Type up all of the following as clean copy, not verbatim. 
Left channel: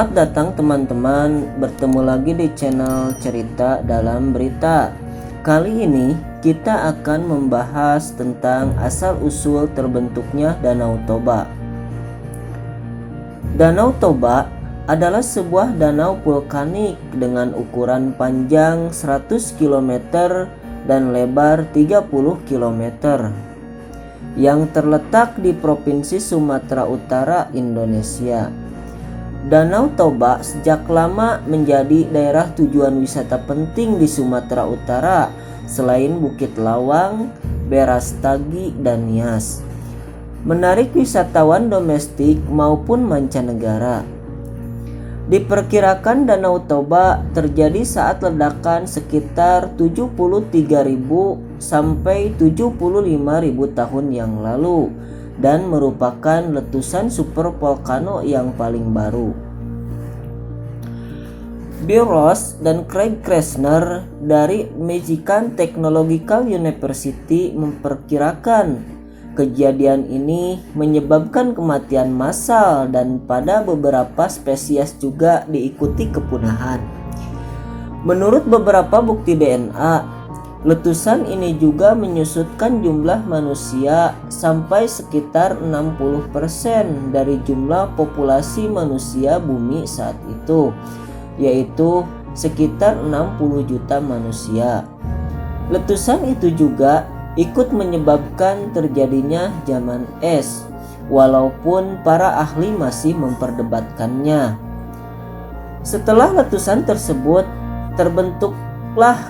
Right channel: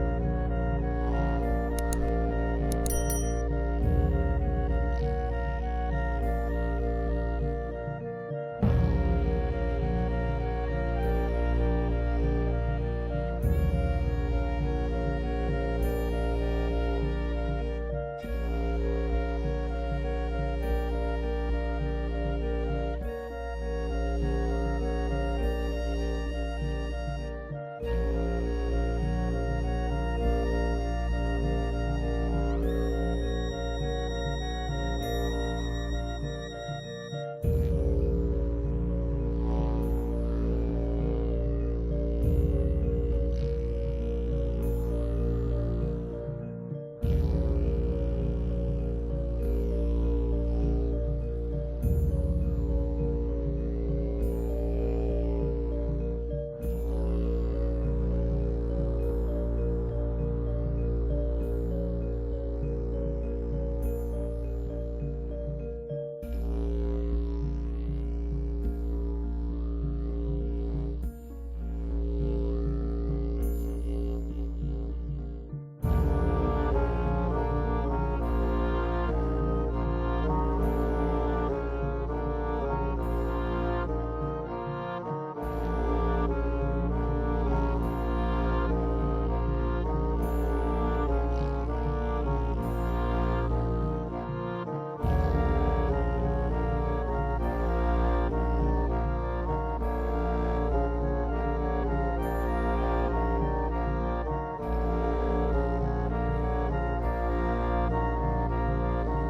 Selamat datang teman-teman, bertemu lagi di channel Cerita Dalam Berita. Kali ini kita akan membahas tentang asal-usul terbentuknya Danau Toba. Danau Toba adalah sebuah danau vulkanik dengan ukuran panjang 100 km dan lebar 30 km yang terletak di Provinsi Sumatera Utara, Indonesia. Danau Toba sejak lama menjadi daerah tujuan wisata penting di Sumatera Utara selain Bukit Lawang, Berastagi, dan Nias. Menarik wisatawan domestik maupun mancanegara. Diperkirakan Danau Toba terjadi saat ledakan sekitar 73.000 sampai 75.000 tahun yang lalu dan merupakan letusan supervolcano yang paling baru. Bill Ross dan Craig Krasner dari Michigan Technological University memperkirakan kejadian ini menyebabkan kematian massal dan pada beberapa spesies juga diikuti kepunahan. Menurut beberapa bukti DNA, letusan ini juga menyusutkan jumlah manusia sampai sekitar 60% dari jumlah populasi manusia bumi saat itu, yaitu sekitar 60 juta manusia. Letusan itu juga ikut menyebabkan terjadinya zaman es, walaupun para ahli masih memperdebatkannya. Setelah letusan tersebut, terbentuklah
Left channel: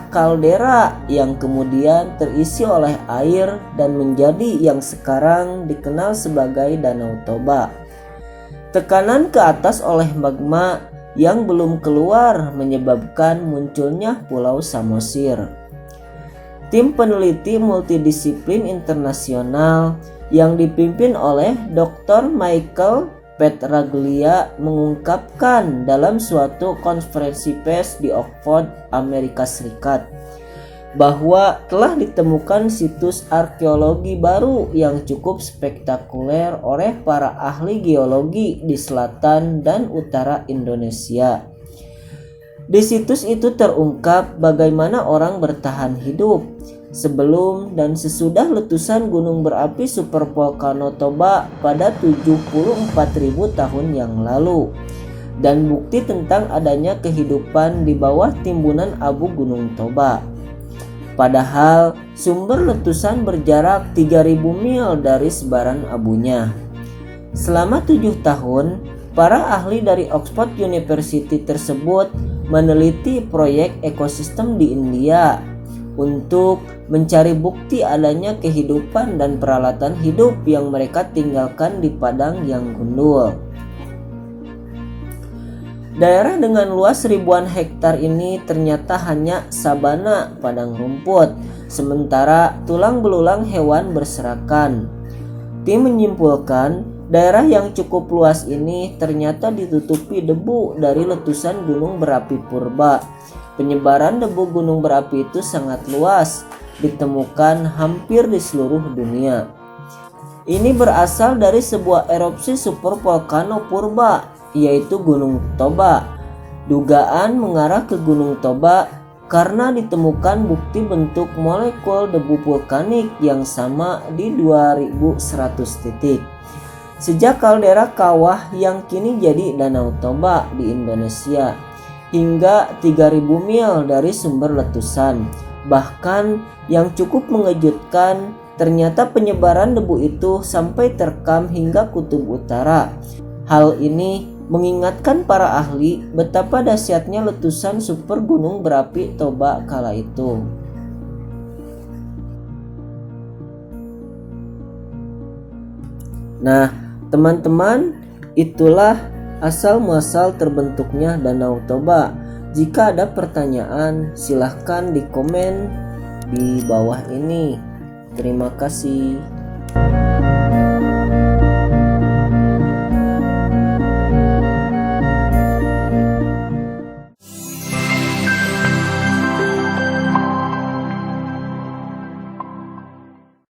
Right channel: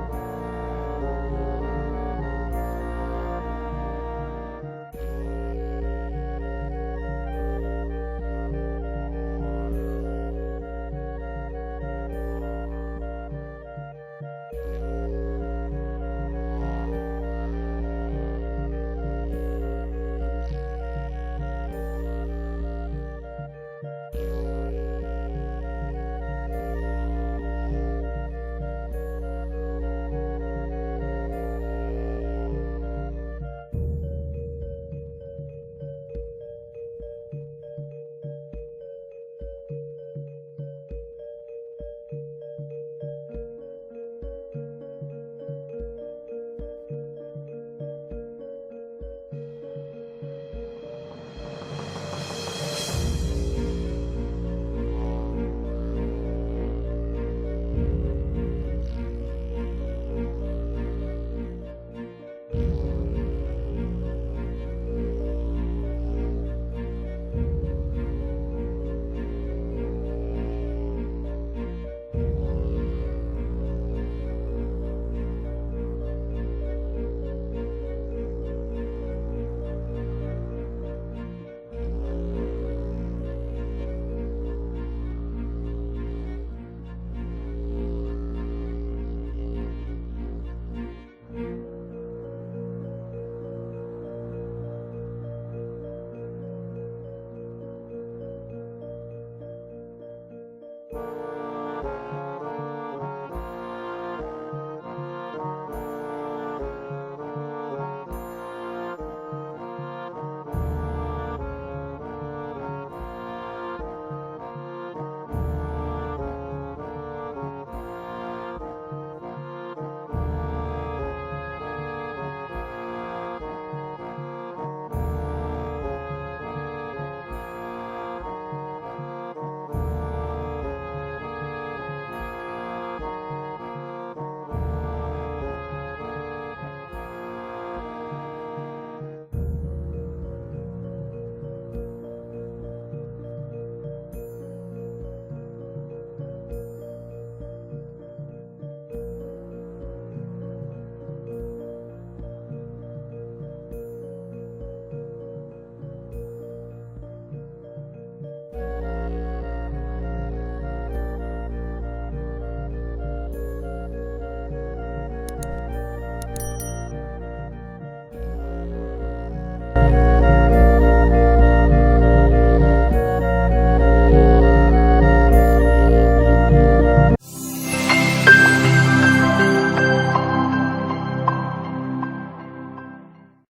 kaldera yang kemudian terisi oleh air dan menjadi yang sekarang dikenal sebagai Danau Toba. Tekanan ke atas oleh magma yang belum keluar menyebabkan munculnya Pulau Samosir. Tim peneliti multidisiplin internasional yang dipimpin oleh Dr. Michael Petraglia mengungkapkan dalam suatu konferensi pers di Oxford, Amerika Serikat, bahwa telah ditemukan situs arkeologi baru yang cukup spektakuler oleh para ahli geologi di selatan dan utara Indonesia. Di situs itu terungkap bagaimana orang bertahan hidup sebelum dan sesudah letusan gunung berapi supervolcano Toba pada 74.000 tahun yang lalu, dan bukti tentang adanya kehidupan di bawah timbunan abu Gunung Toba. Padahal sumber letusan berjarak 3.000 mil dari sebaran abunya. Selama 7 tahun, para ahli dari Oxford University tersebut meneliti proyek ekosistem di India untuk mencari bukti adanya kehidupan dan peralatan hidup yang mereka tinggalkan di padang yang gundul. Daerah dengan luas ribuan hektar ini ternyata hanya sabana padang rumput, sementara tulang belulang hewan berserakan. Tim menyimpulkan daerah yang cukup luas ini ternyata ditutupi debu dari letusan gunung berapi purba. Penyebaran debu gunung berapi itu sangat luas, ditemukan hampir di seluruh dunia. Ini berasal dari sebuah erupsi supervolcano purba, yaitu Gunung Toba. Dugaan mengarah ke Gunung Toba karena ditemukan bukti bentuk molekul debu vulkanik yang sama di 2100 titik. Sejak kaldera kawah yang kini jadi Danau Toba di Indonesia hingga 3.000 mil dari sumber letusan. Bahkan yang cukup mengejutkan, ternyata penyebaran debu itu sampai terekam hingga kutub utara. Hal ini mengingatkan para ahli betapa dahsyatnya letusan super gunung berapi Toba kala itu. Nah, teman-teman, itulah asal-muasal terbentuknya Danau Toba. Jika ada pertanyaan, silahkan di komen di bawah ini. Terima kasih.